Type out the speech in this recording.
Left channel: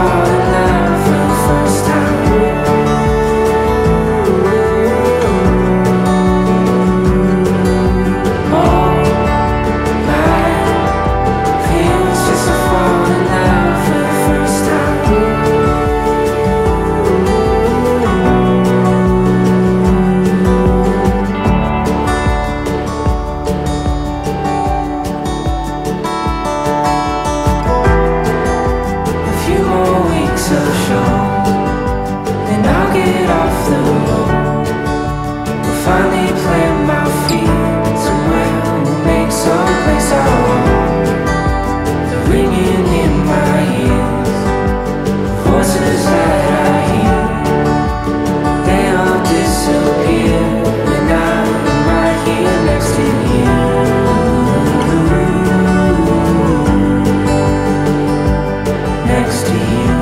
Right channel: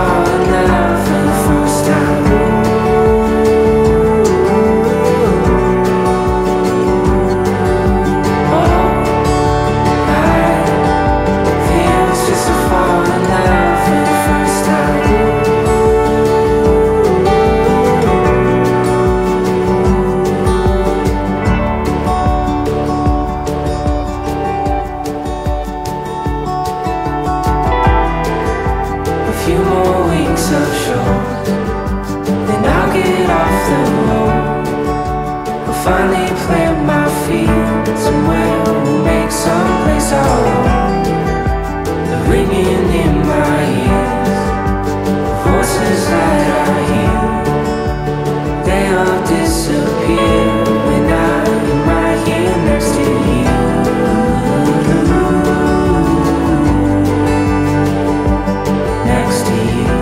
fall in love for the first time. All I feel is just to fall in love for the first time. A few more weeks of shows, then I'll get off the road. We'll finally plant my feet somewhere. We'll make some place our own. The ringing in my ears, the voices that I hear, they all disappear when I'm right here next to you. Next to you.